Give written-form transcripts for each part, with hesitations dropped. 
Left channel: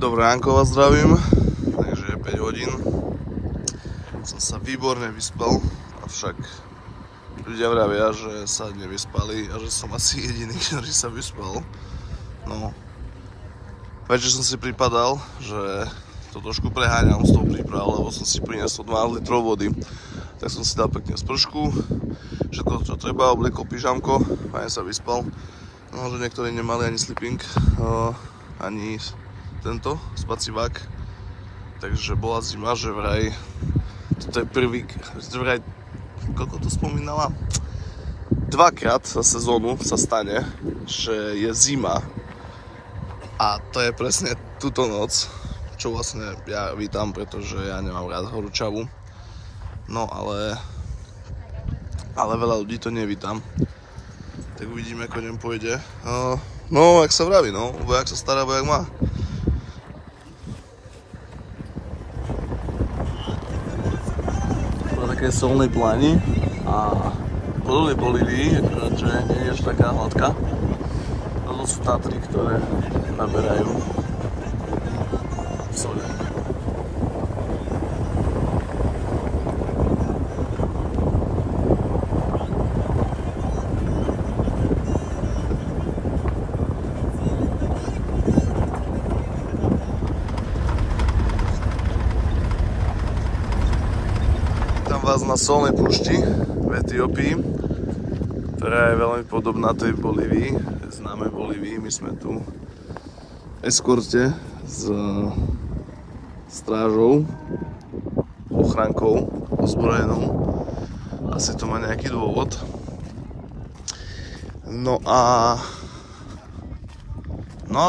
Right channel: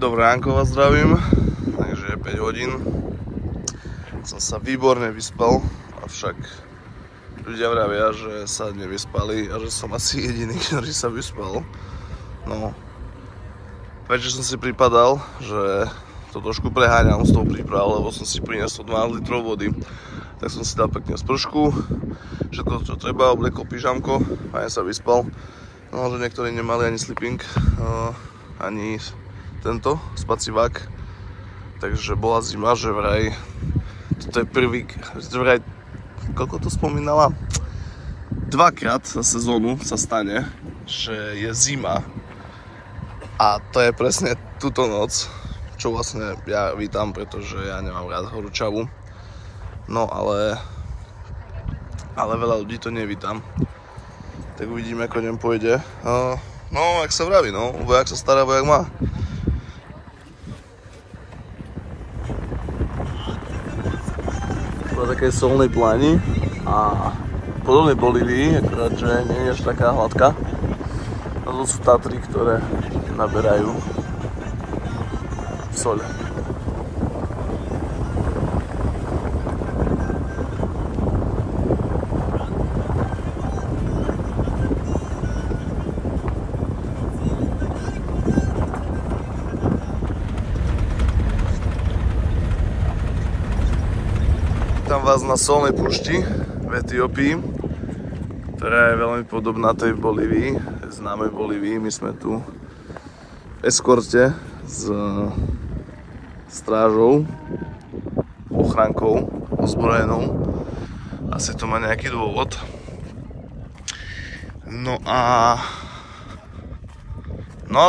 Dobré ránko vás zdravím, takže je 5 hodín. Som sa výborne vyspal, avšak ľudia vravia, že sa nevyspali a že som asi jediný, ktorý sa vyspal. No, večer som si pripadal, že to trošku preháňam s tou prípravou, lebo som si priniesol 12 litrov vody. Tak som si dal pekne spršku, všetko čo treba, obliekol pyžamko, fajne sa vyspal. No, že niektorí nemali ani sleeping, ani tento spacívák, takže bola zima, že vraj, toto je prvý, vraj, koľko to spomínala? Dvakrát za sezónu sa stane, že je zima a to je presne túto noc, čo vlastne ja vítam, pretože ja nemám rád horúčavu, no ale veľa ľudí to nevítam, tak uvidíme, ako ňom pôjde. No, jak sa vraví, no, vojak sa stará, vojak má. Také solnej pláni a podobne Bolívii, akorát, že nie je až taká hladká. A to sú Tatry, ktoré naberajú sole. Vítam vás na solnej púšti v Etiópii, ktorá je veľmi podobná tej Bolívii, známej Bolívii. My sme tu v eskorte s strážou, ochrankou ozbrojenou. Asi to má nejaký dôvod. No a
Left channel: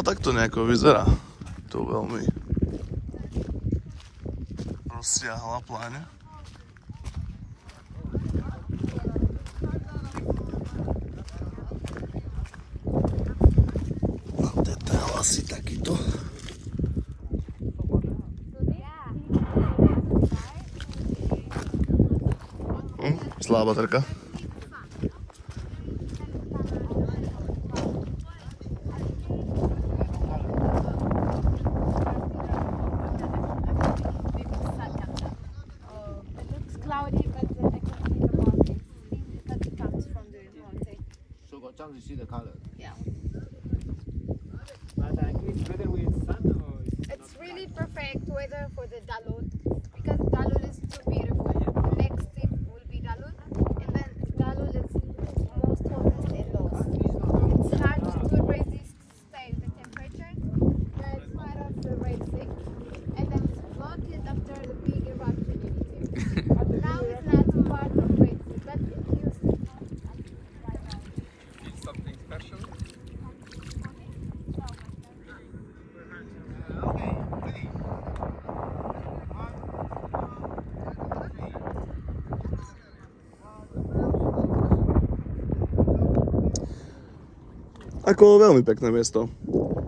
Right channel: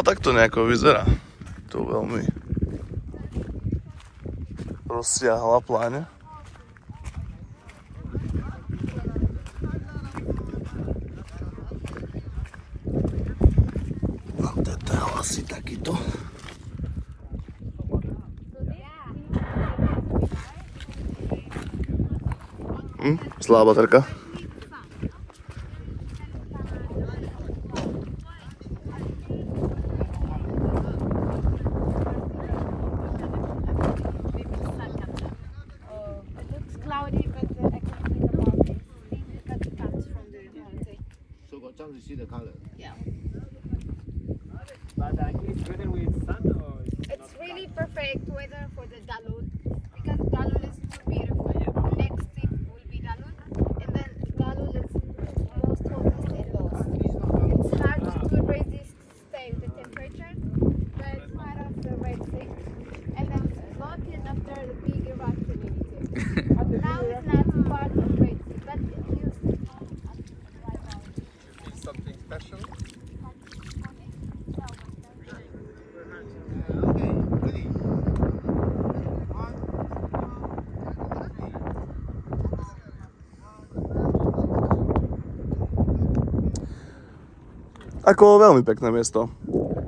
tak to nejako vyzerá. To veľmi rozsiahla pláň. Asi takýto. Zlá baterka. It's really perfect weather for the Dalul because Dalul is too beautiful. Next trip will be Dalul, and then Dalul is most hottest and lowest. It's hard to resist stay the temperature, but it's part of the Red Sea, and then it's floated after the big eruption in Ethiopia. Now it's not part of the Red Sea, but it used to. It's something special. Ako veľmi pekné miesto.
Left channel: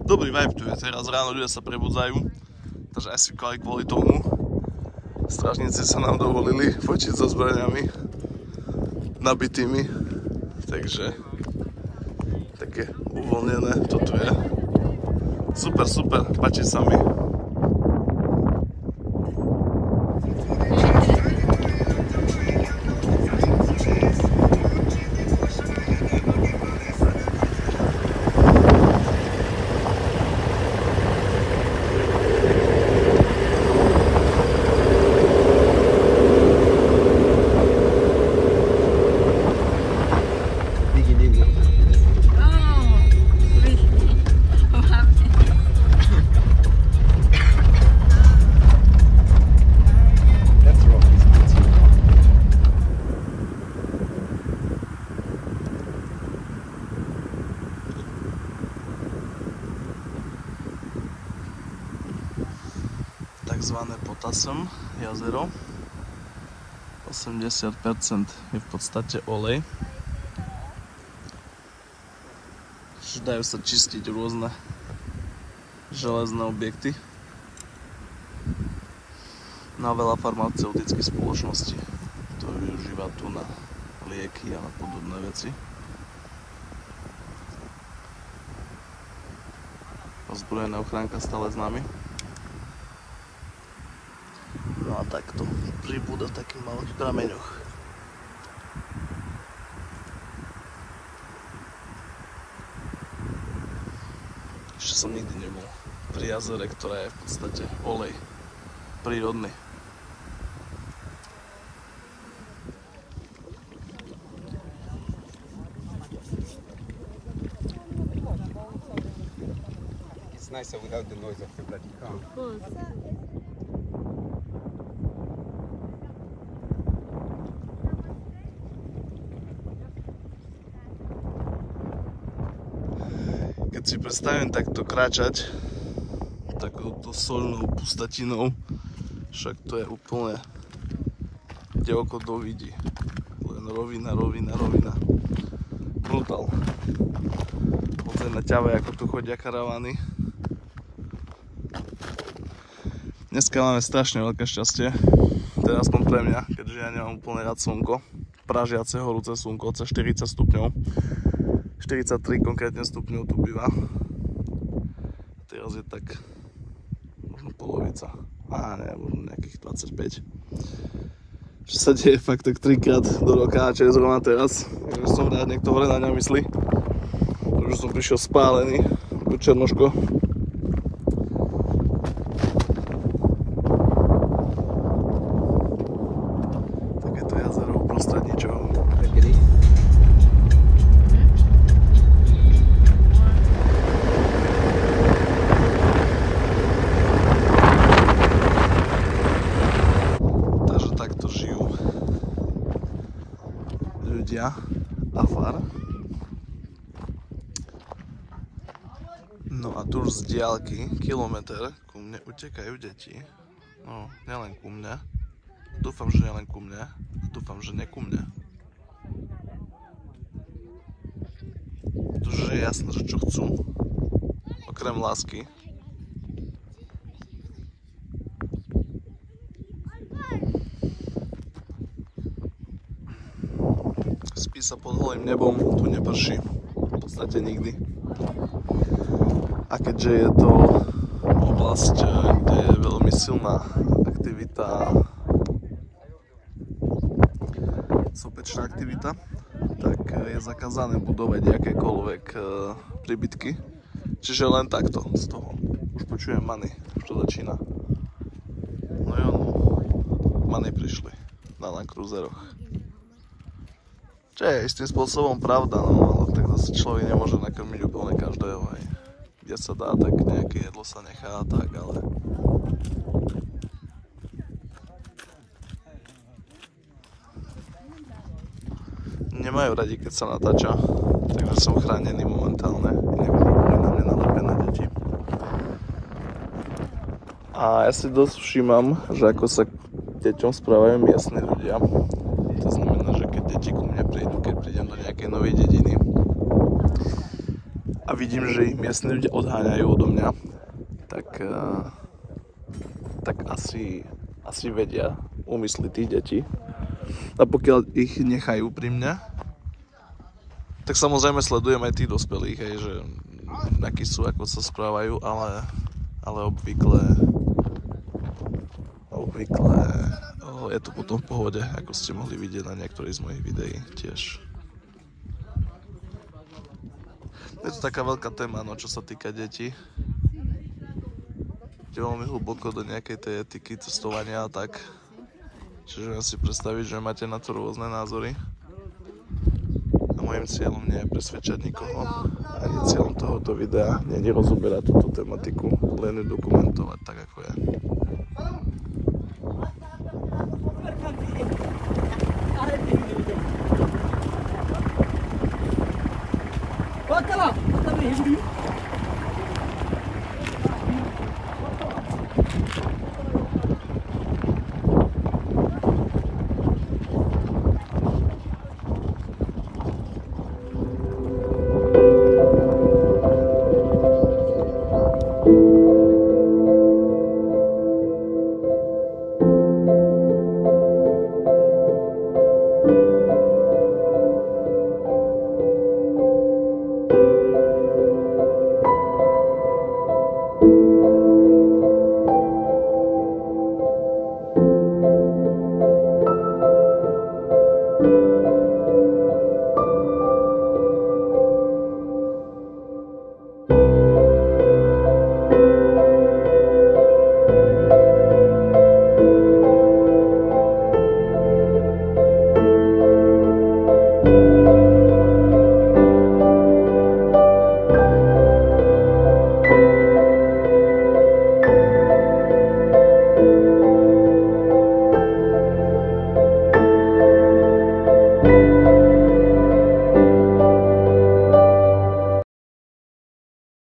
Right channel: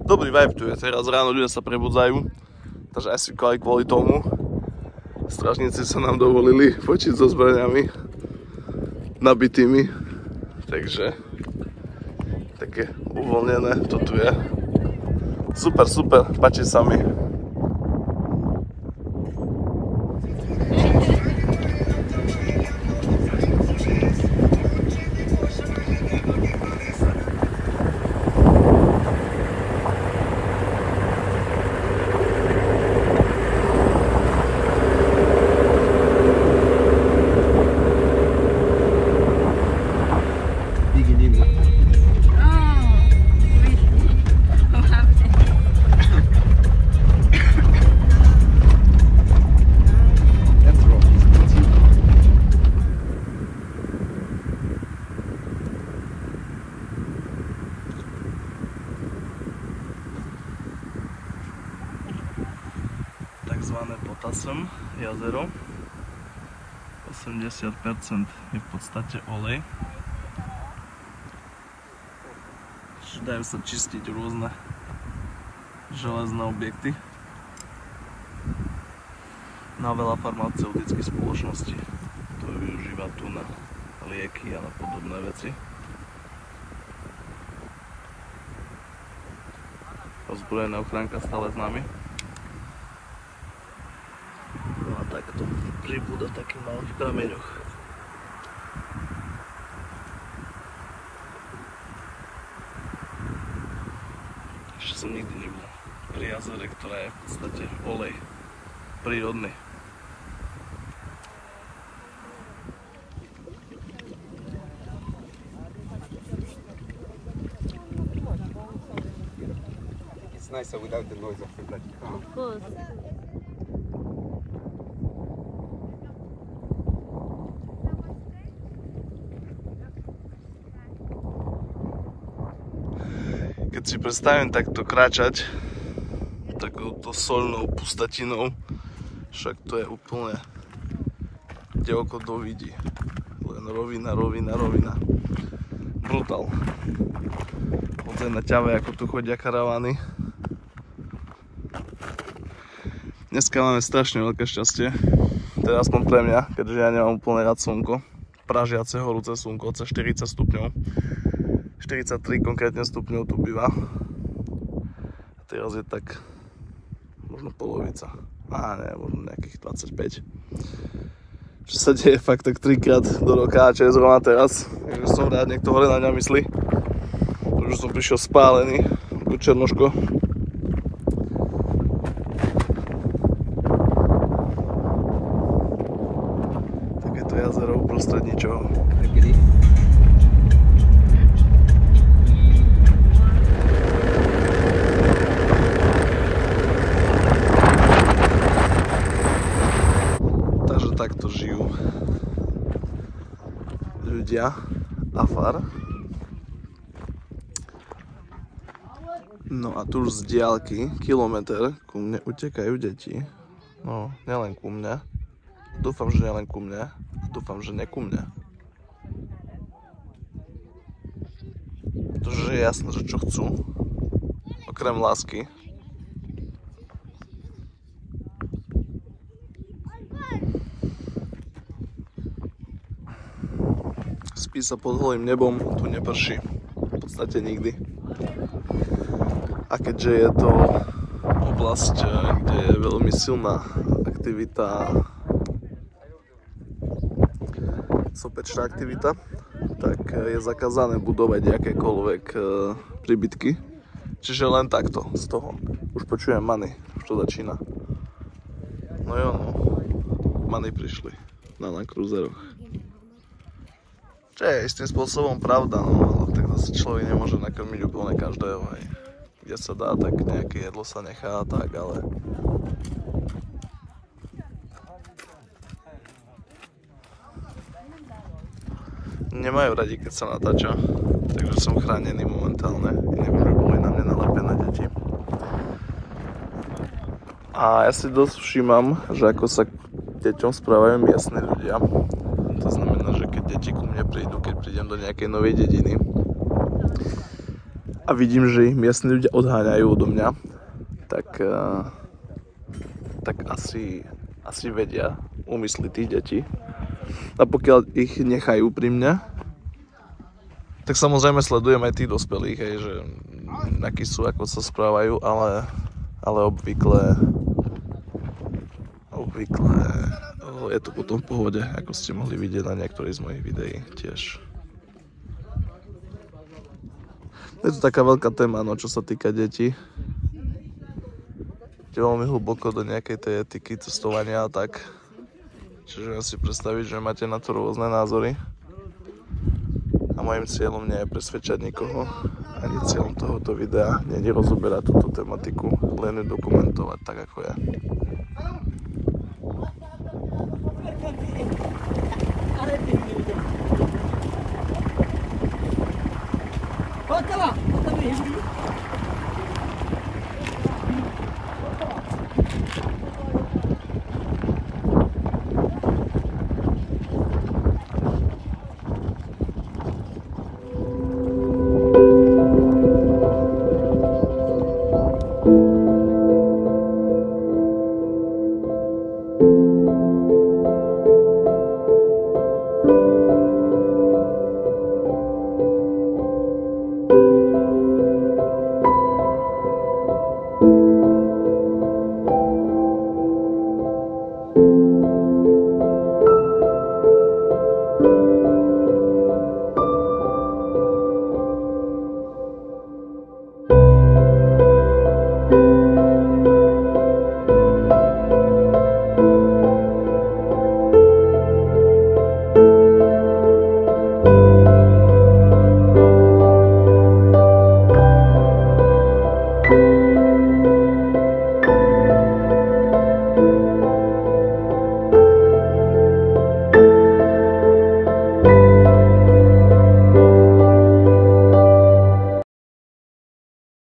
Dobrý vibe tu je, teraz ráno ľudia sa prebudzajú, takže asi kvôli tomu strážnici sa nám dovolili fotiť so zbraniami nabitými, takže také uvoľnené to tu je. Super, páči sa mi. Takzvané Potassem jazero. 80% je v podstate olej. Dajú sa čistiť rôzne železné objekty na veľa farmaceutických spoločností, ktoré využíva tu na lieky a na podobné veci. Ozbrojená ochránka stále s nami. takto pribúda v takých malých prameňoch. Ešte som nikdy nebol pri jazere, ktorá je v podstate olej prírodný. It's nicer without the noise of the car. Of course. Keď si predstavím takto kráčať takouto soľnou pustatinou, však to je úplne kde oko dovidí. Len rovina, rovina, rovina. Brutál. Pozri na ťave, ako tu chodia karavany. Dneska máme strašne veľké šťastie. Teda aspoň pre mňa, keďže ja nemám úplne rád slnko. Pražiace, horúce slnko, cez 40 stupňov. 43 konkrétne stupňov tu býva. A teraz je tak možno polovica. Nie, možno nejakých 25. Čo sa deje fakt tak 3-krát do roka, čo je zrovna teraz. Takže som rád, niekto hore na mňa myslí. Už som prišiel spálený do Černoško. Takéto jazero uprostred ničoho. Takto žijú ľudia Afar. No a tu už z diaľky, kilometr, ku mne utekajú deti. No, nielen ku mne. Dúfam, že nielen ku mne. Dúfam, že ne ku mne. Pretože je jasné, že čo chcú. Okrem lásky. Spí sa pod holým nebom, tu neprší v podstate nikdy. A keďže je to oblasť, kde je veľmi silná aktivita, sopečná aktivita, tak je zakázané budovať akékoľvek príbytky. Čiže len takto, z toho. Už počujem many, už to začína. No jo, no. Many prišli na Land Cruiseroch. Čo je istým spôsobom pravda, no, tak zase človek nemôže nakrmiť úplne každého, hej. Kde sa dá, tak nejaké jedlo sa nechá, tak, ale... Nemajú radi, keď sa natáča, takže som chránený momentálne, inak by boli na mňa nalepené deti. A ja si dosť všímam, že ako sa k deťom správajú miestni ľudia. To znamená, že keď deti ku mne prídu, keď prídem do nejakej novej dediny a vidím, že ich miestni ľudia odháňajú odo mňa, tak asi vedia úmysly tých detí. A pokiaľ ich nechajú pri mne, tak samozrejme sledujem aj tých dospelých, hej, že akí sú, ako sa správajú, ale obvykle je to potom v pohode, ako ste mohli vidieť na niektorých z mojich videí tiež. Je to taká veľká téma, no, čo sa týka detí. Je veľmi hlboko do nejakej tej etiky cestovania a tak. Čiže ja si predstaviť, že máte na to rôzne názory. A môjim cieľom nie je presvedčať nikoho. Ani cieľom tohoto videa nie je rozoberať túto tematiku, len ju dokumentovať tak, ako je. Bakalım.